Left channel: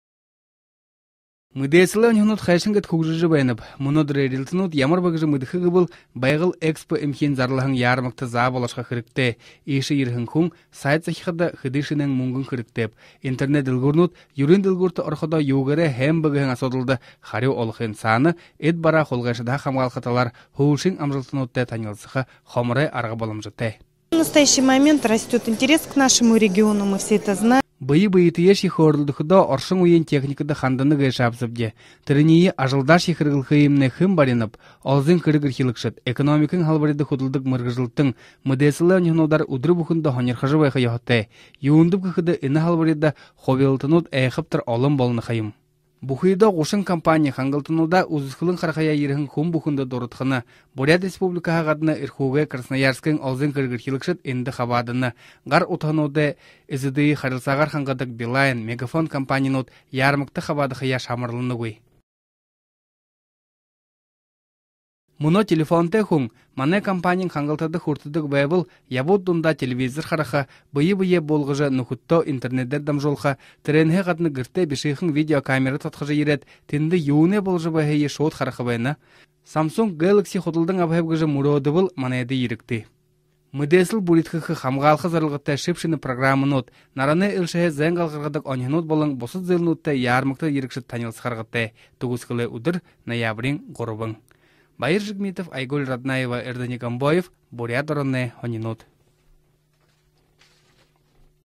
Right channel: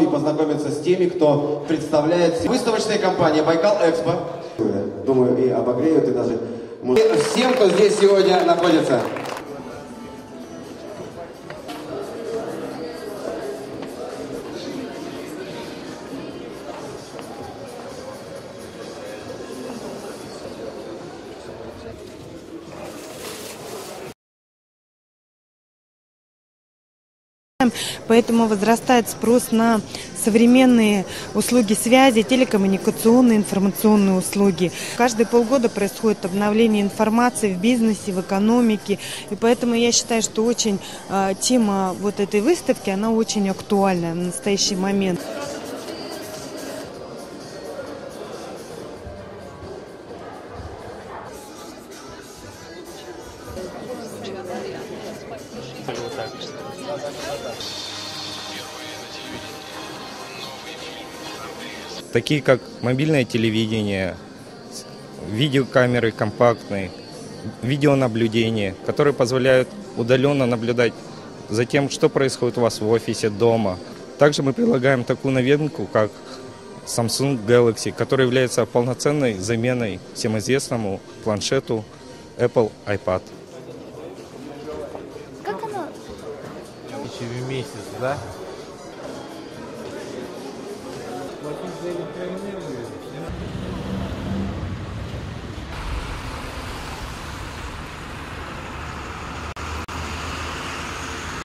И познакомиться с теми, кто представляет выставочные компании «Байкал Экспо». Всем, кто здесь сегодня находится. Интернет дылгурнут, юрин дылгурта орхода югере хэм бөгөн асодылды хариу олхын саны, эд бара холгашыда хамгал каталар, хуушин амрылтынутте танылсыха хомре арга болымжыте. В настоящий момент растет интерес к нашему региону, мы все это знаем, поэтому возрастает спрос на современные услуги связи, телекоммуникационные, информационные услуги. Каждые полгода происходит обновление информации в бизнесе, в экономике, поэтому я считаю, что очень тема вот этой выставки, она очень актуальна в настоящий момент. Бухида гошын компания хангалтынуда узкылын қарқая ерігін ком бухында дорытқына. Бурят республика ғадына ирхуге Красноярскын алзын кіргірхилікшіт енді қабадыны. Ғар ұтануды әзіді харылсағар хангадық Билайн, Мегафон компаниянут ярмықты қабады қия шамырлыны ғой. Такие как мобильное телевидение, видеокамеры компактные, видеонаблюдение, которые позволяют удаленно наблюдать за тем, что происходит у вас в офисе, дома. Также мы предлагаем такую новинку, как Samsung Galaxy, который является полноценной заменой всем известному планшету Apple iPad. Мыдесл будет хамгалха зарылгытта шипшины программынут. Нараны илшае зәңгалгадык оньнут болын босуд зәмнутта ярмыкта ерекшет танылсқарғытта. Тугускылы удыр ноябрин қорыбын. Байыр Жигмитов, Айгуль Ратнаева, Эрденик Амбоев, Бурят Доронне, Оньнут.